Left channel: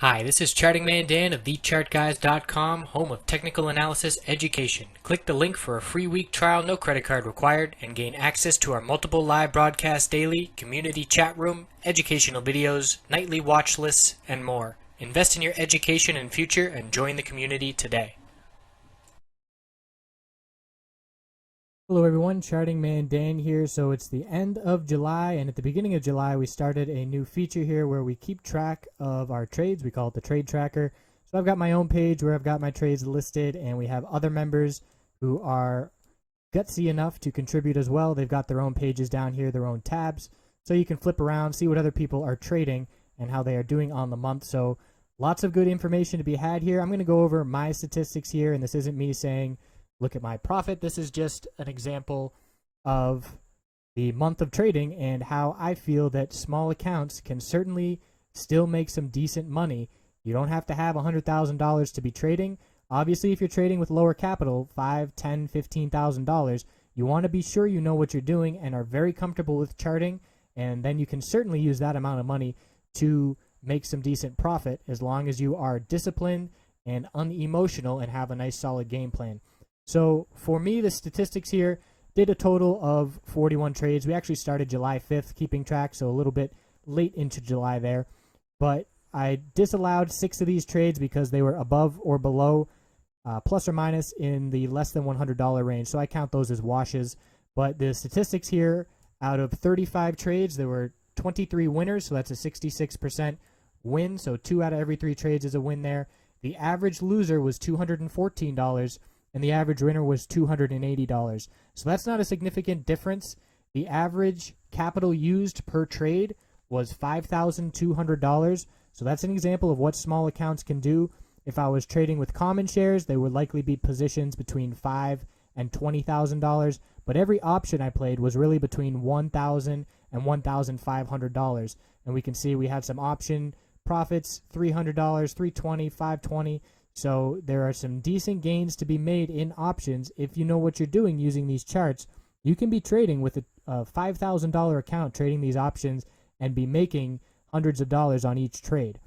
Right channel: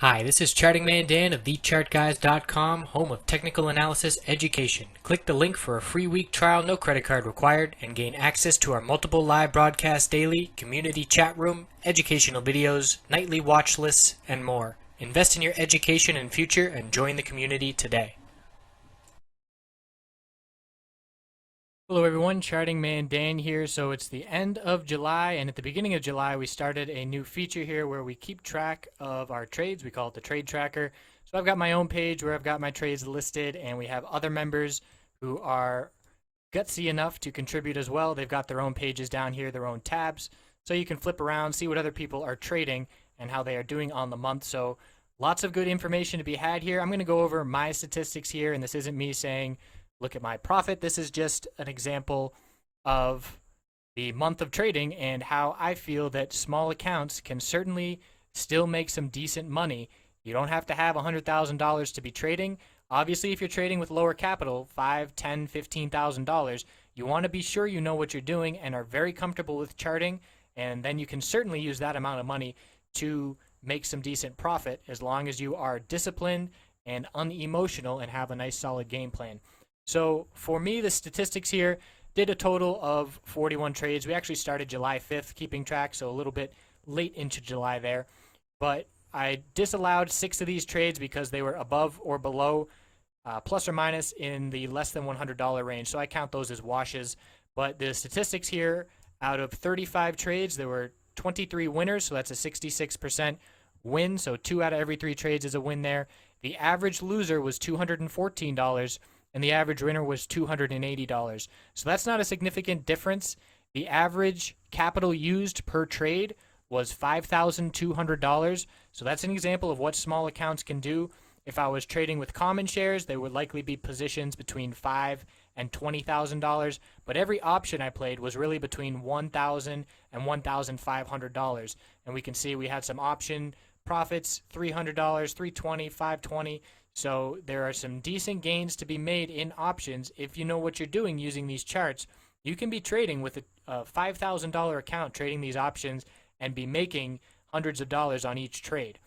Hi, this is Charting Man Dan of TheChartGuys.com, home of technical analysis education. Click the link for a free week trial, no credit card required, and gain access to our multiple live broadcasts daily, community chat room, educational videos, nightly watch lists, and more. Invest in your education and future and join the community today. Hello everyone, Charting Man Dan here. So it's the end of July, and at the beginning of July we started a new feature here where we keep track of our trades. We call it the Trade Tracker. So I've got my own page where I've got my trades listed, and we have other members who are gutsy enough to contribute as well. They've got their own pages down here, their own tabs, so you can flip around, see what other people are trading and how they are doing on the month. So lots of good information to be had here. I'm going to go over my statistics here, and this isn't me saying look at my profit. This is just an example of the month of trading and how I feel that small accounts can certainly still make some decent money. You don't have to have $100,000 to be trading. Obviously, if you're trading with lower capital, $5,000, $10,000, $15,000, you want to be sure you know what you're doing and are very comfortable with charting, and then you can certainly use that amount of money to make some decent profit as long as you are disciplined and unemotional and have a nice solid game plan. So for me, the statistics here did a total of 41 trades. We actually started July 5th keeping track, so a little bit late into July there. But I disallowed 6 of these trades because they were above or below plus or minus in the less than $100 range. So I count those as washes. But the statistics here, out of 35 trades, there were 23 winners, so that's a 66% win. So 2 out of every 3 trades is a win there. The average loser was $214. And the average winner was $280. So that's not a significant difference. The average capital used per trade was $5,200. So that's an example of what small accounts can do. If I was trading with common shares, they would likely be positions between $5,000 and $20,000. But every option I played was really between $1,000 and $1,500. And we can see we had some option profits, $300, $320, $520. So there are some decent gains to be made in options. If you know what you're doing using these charts, you can be trading with a $5,000 account trading these options and be making hundreds of dollars on each trade.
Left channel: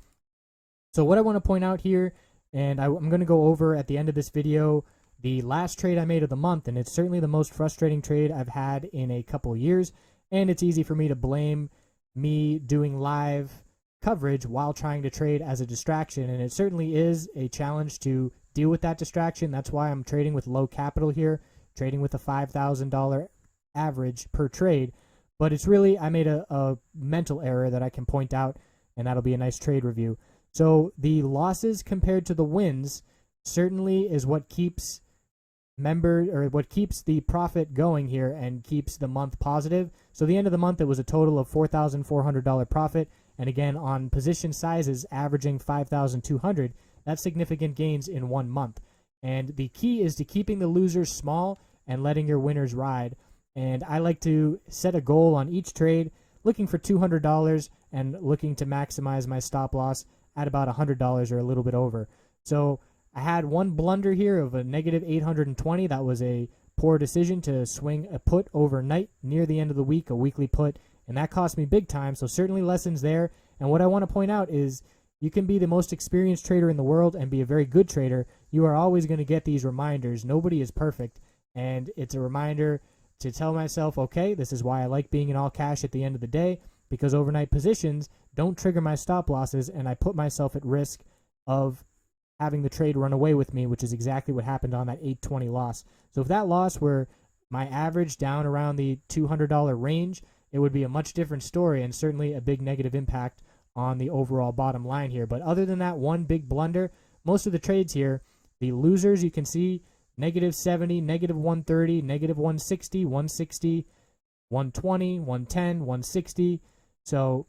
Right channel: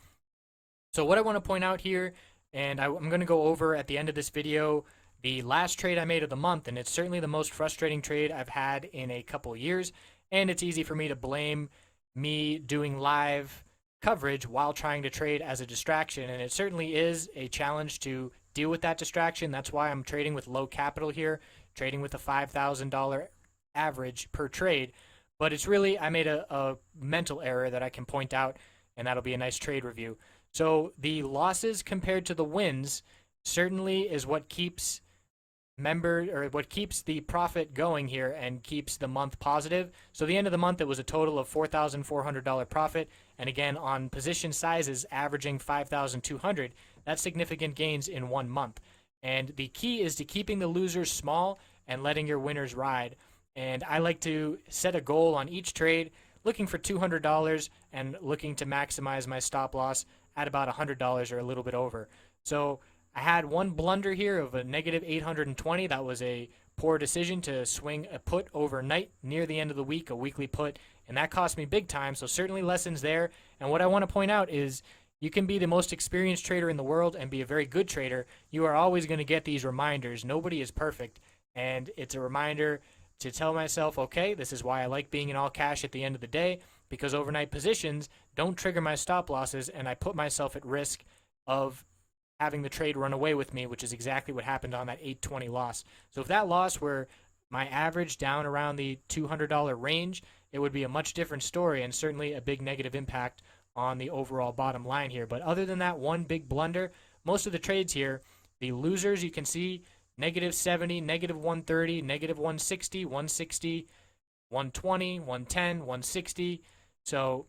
So what I want to point out here, and I'm going to go over at the end of this video, the last trade I made of the month, and it's certainly the most frustrating trade I've had in a couple years, and it's easy for me to blame me doing live coverage while trying to trade as a distraction, and it certainly is a challenge to deal with that distraction. That's why I'm trading with low capital here, trading with a $5,000 average per trade. But it's really, I made a mental error that I can point out, and that'll be a nice trade review. So the losses compared to the wins certainly is what keeps what keeps the profit going here and keeps the month positive. So the end of the month, it was a total of $4,400 profit. And again, on position sizes averaging 5,200, that's significant gains in 1 month. And the key is to keeping the losers small and letting your winners ride. And I like to set a goal on each trade, looking for $200 and looking to maximize my stop loss at about $100 or a little bit over. So I had one blunder here of a negative 820. That was a poor decision to swing a put overnight near the end of the week, a weekly put, and that cost me big time. So certainly lessons there. And what I want to point out is you can be the most experienced trader in the world and be a very good trader. You are always going to get these reminders. Nobody is perfect. And it's a reminder to tell myself, okay, this is why I like being in all cash at the end of the day, because overnight positions don't trigger my stop losses, and I put myself at risk of having the trade run away with me, which is exactly what happened on that 820 loss. So if that loss were my average down around the $200 range, it would be a much different story and certainly a big negative impact on the overall bottom line here. But other than that one big blunder, most of the trades here, the losers, you can see negative 70, negative 130, negative 160, 160, 120, 110, 160. So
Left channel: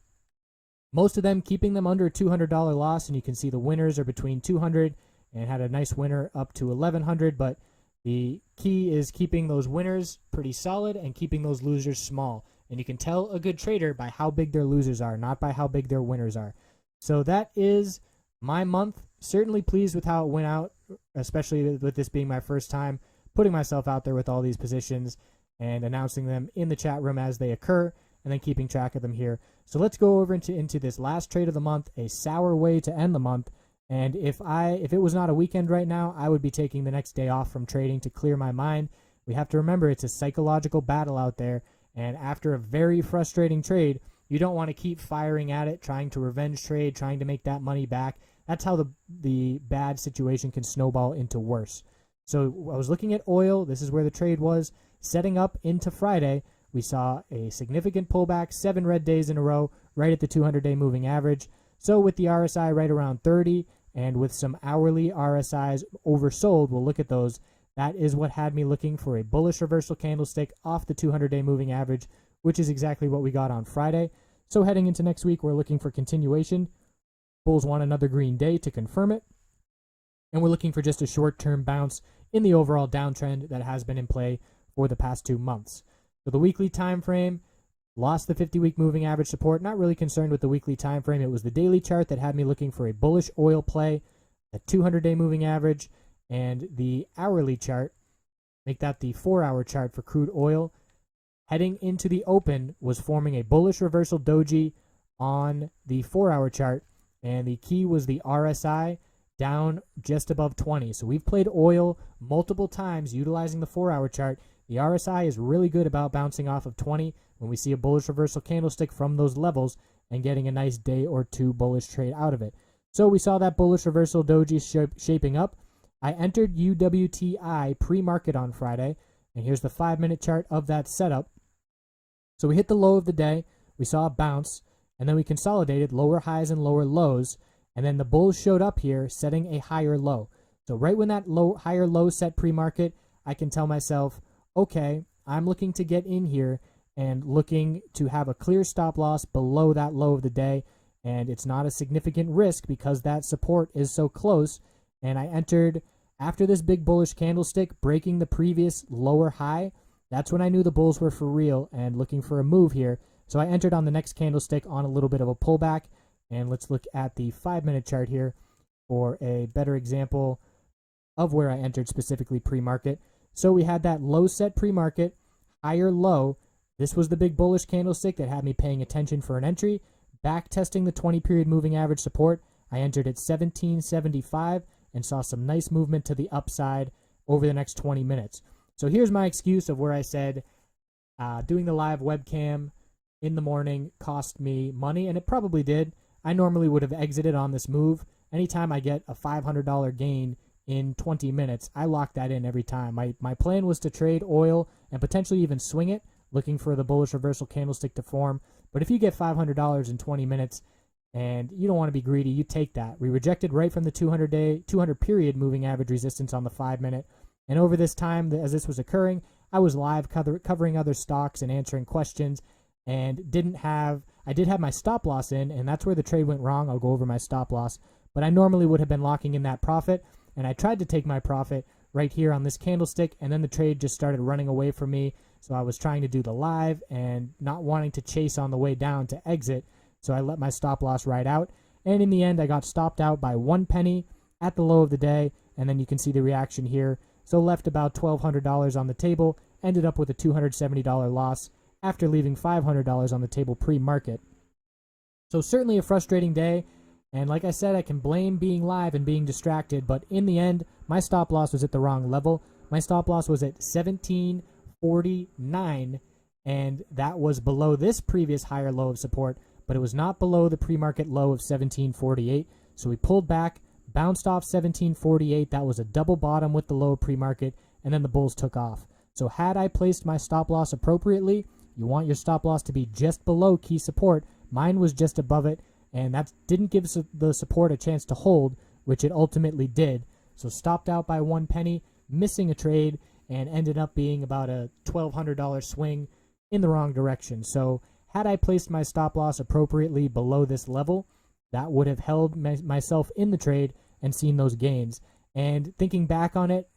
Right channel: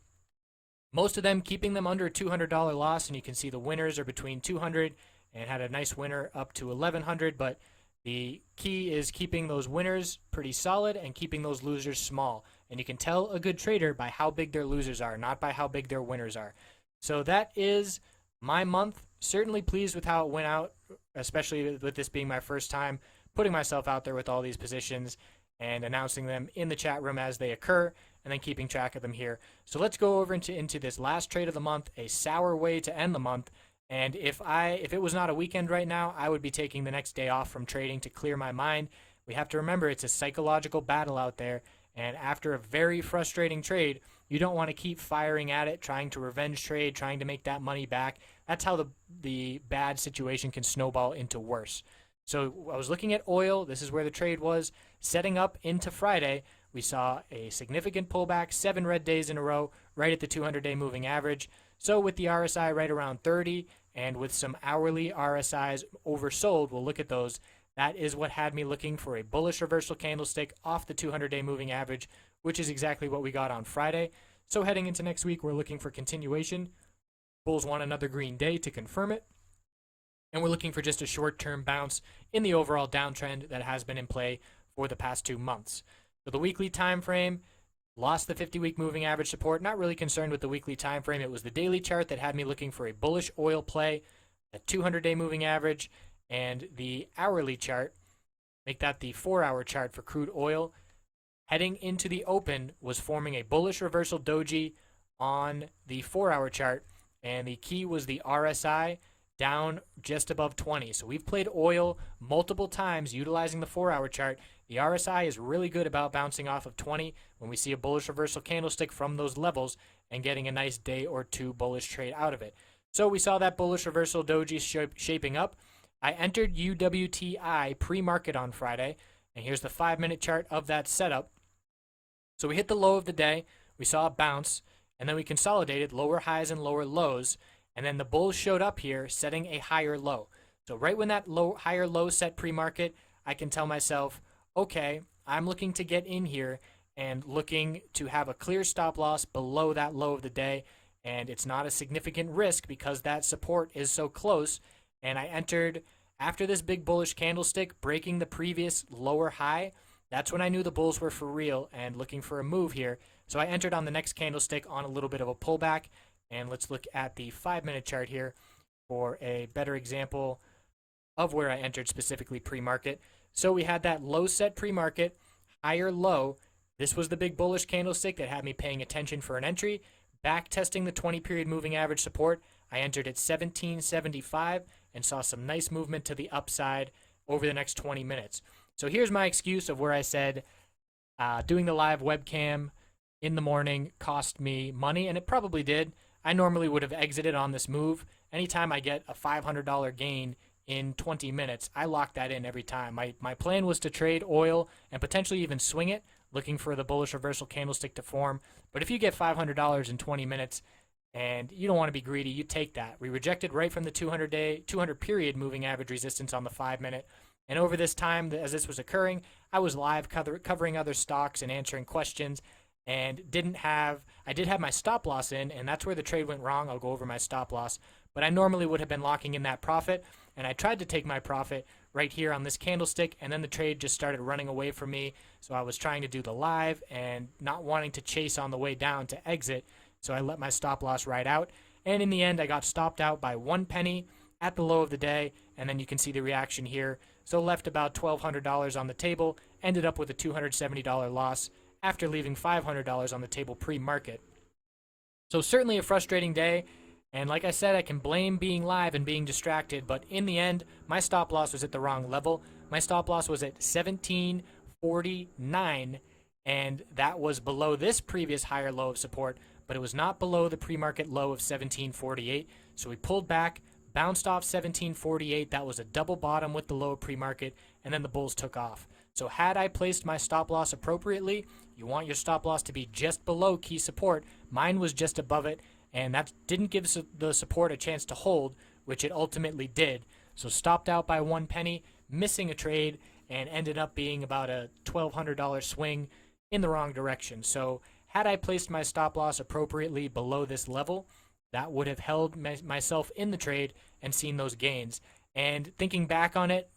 most of them keeping them under a $200 loss, and you can see the winners are between 200 and had a nice winner up to 1,100. But the key is keeping those winners pretty solid and keeping those losers small. And you can tell a good trader by how big their losers are, not by how big their winners are. So that is my month. Certainly pleased with how it went out, especially with this being my first time putting myself out there with all these positions and announcing them in the chat room as they occur. and then keeping track of them here. So let's go over into this last trade of the month, a sour way to end the month. And if it was not a weekend right now, I would be taking the next day off from trading to clear my mind. We have to remember it's a psychological battle out there, and after a very frustrating trade, you don't want to keep firing at it, trying to revenge trade, trying to make that money back. That's how the bad situation can snowball into worse. So I was looking at oil. This is where the trade was. Setting up into Friday, we saw a significant pullback, 7 red days in a row, right at the 200-day moving average. So with the RSI right around 30 and with some hourly RSIs oversold, we'll look at those. That is what had me looking for a bullish reversal candlestick off the 200-day moving average, which is exactly what we got on Friday. So heading into next week, we're looking for continuation. Bulls want another green day to confirm it. And we're looking for just a short-term bounce in the overall downtrend that has been in play for the past 2 months. So the weekly time frame lost the 50-week moving average support. Not really concerned with the weekly time frame. It was the daily chart that had me looking for a bullish oil play, the 200-day moving average, and the hourly chart. Make that the 4-hour chart for crude oil. Heading into the open was forming a bullish reversal doji on the 4-hour chart, and the key was the RSI down just above 20. So we've played oil multiple times utilizing the 4-hour chart. The RSI is really good about bouncing off of 20 when we see a bullish reversal candlestick from those levels and getting a nice day or two bullish trade out of it. So we saw that bullish reversal doji shaping up. I entered UWTI pre-market on Friday, and here's the 5-minute chart of that setup. So we hit the low of the day, we saw a bounce, and then we consolidated lower highs and lower lows, and then the bulls showed up here setting a higher low. So right when that higher low set pre-market, I can tell myself, okay, I'm looking to get in here and looking to have a clear stop loss below that low of the day, and it's not a significant risk because that support is so close. And I entered after this big bullish candlestick breaking the previous lower high. That's when I knew the bulls were for real and looking for a move here. So I entered on the next candlestick on a little bit of a pullback. And let's look at the 5-minute chart here for a better example of where I entered specifically pre-market. So we had that low set pre-market, higher low. This was the big bullish candlestick that had me paying attention for an entry. Back testing the 20-period moving average support. I entered at 1775 and saw some nice movement to the upside over the next 20 minutes. So here's my excuse of where I said doing the live webcam in the morning cost me money, and it probably did. I normally would have exited on this move. Anytime I get a $500 gain in 20 minutes, I lock that in every time. My plan was to trade oil and potentially even swing it, looking for the bullish reversal candlestick to form. But if you get $500 in 20 minutes and you don't want to be greedy, you take that. We rejected right from the 200-period moving average resistance on the 5-minute. And over this time, as this was occurring, I was live covering other stocks and answering questions, and I did have my stop loss in, and that's where the trade went wrong. I'll go over my stop loss, but I normally would have been locking in that profit, and I tried to take my profit right here on this candlestick, and then the trade just started running away from me. So I was trying to do the live and not wanting to chase on the way down to exit, so I let my stop loss ride out, and in the end, I got stopped out by 1 penny at the low of the day, and then you can see the reaction here. So left about $1,200 on the table, ended up with a $270 loss after leaving $500 on the table pre-market. So certainly a frustrating day, and like I said, I can blame being live and being distracted, but in the end, my stop loss was at the wrong level. My stop loss was at 1749, and that was below this previous higher low of support, but it was not below the pre-market low of 1748. So we pulled back, bounced off 1748. That was a double bottom with the low pre-market, and then the bulls took off. So had I placed my stop loss appropriately, you want your stop loss to be just below key support. Mine was just above it, and that didn't give the support a chance to hold, which it ultimately did. So stopped out by 1 penny, missing a trade, and ended up being about a $1,200 swing in the wrong direction. So had I placed my stop loss appropriately below this level, that would have held myself in the trade and seen those gains. And thinking back on it,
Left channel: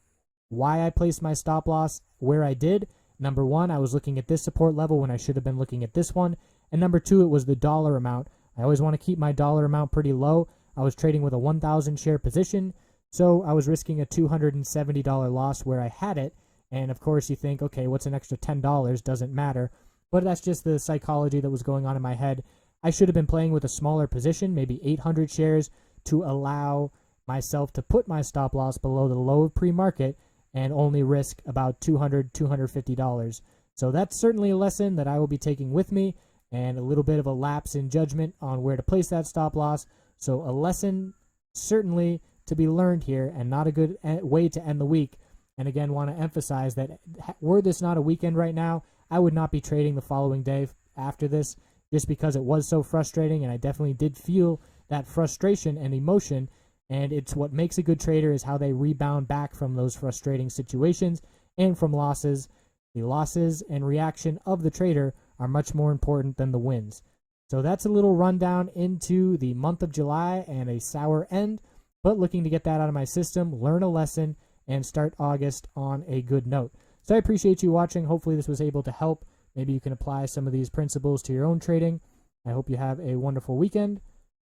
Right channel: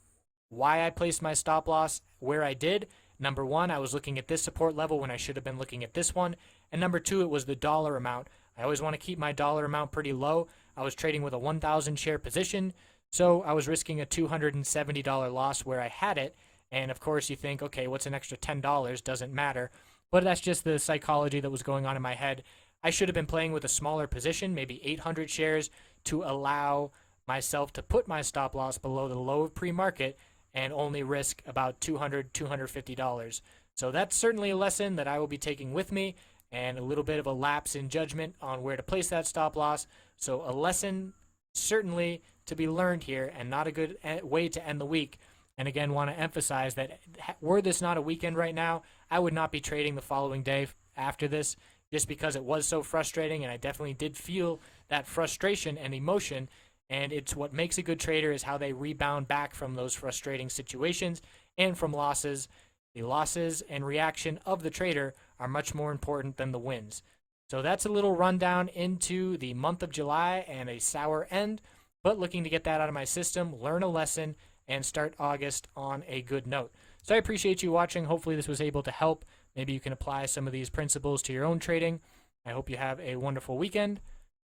why I placed my stop loss where I did, number one, I was looking at this support level when I should have been looking at this one. And number two, it was the dollar amount. I always want to keep my dollar amount pretty low. I was trading with a 1,000 share position, so I was risking a $270 loss where I had it. And of course you think, okay, what's an extra $10? Doesn't matter. but that's just the psychology that was going on in my head. I should have been playing with a smaller position, maybe 800 shares, to allow myself to put my stop loss below the low of pre-market and only risk about $200, $250. So that's certainly a lesson that I will be taking with me, and a little bit of a lapse in judgment on where to place that stop loss. So a lesson certainly to be learned here, and not a good way to end the week. And again, want to emphasize that were this not a weekend right now, I would not be trading the following day after this, just because it was so frustrating, and I definitely did feel that frustration and emotion. And it's what makes a good trader is how they rebound back from those frustrating situations and from losses. The losses and reaction of the trader are much more important than the wins. So that's a little rundown into the month of July and a sour end, but looking to get that out of my system, learn a lesson, and start August on a good note. So I appreciate you watching. Hopefully this was able to help. Maybe you can apply some of these principles to your own trading. I hope you have a wonderful weekend,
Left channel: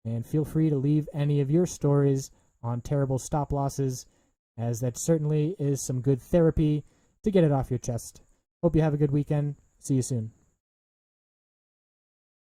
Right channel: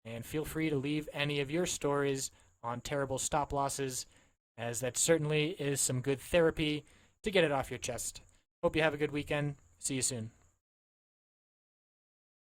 and feel free to leave any of your stories on terrible stop losses, as that certainly is some good therapy to get it off your chest. Hope you have a good weekend. See you soon.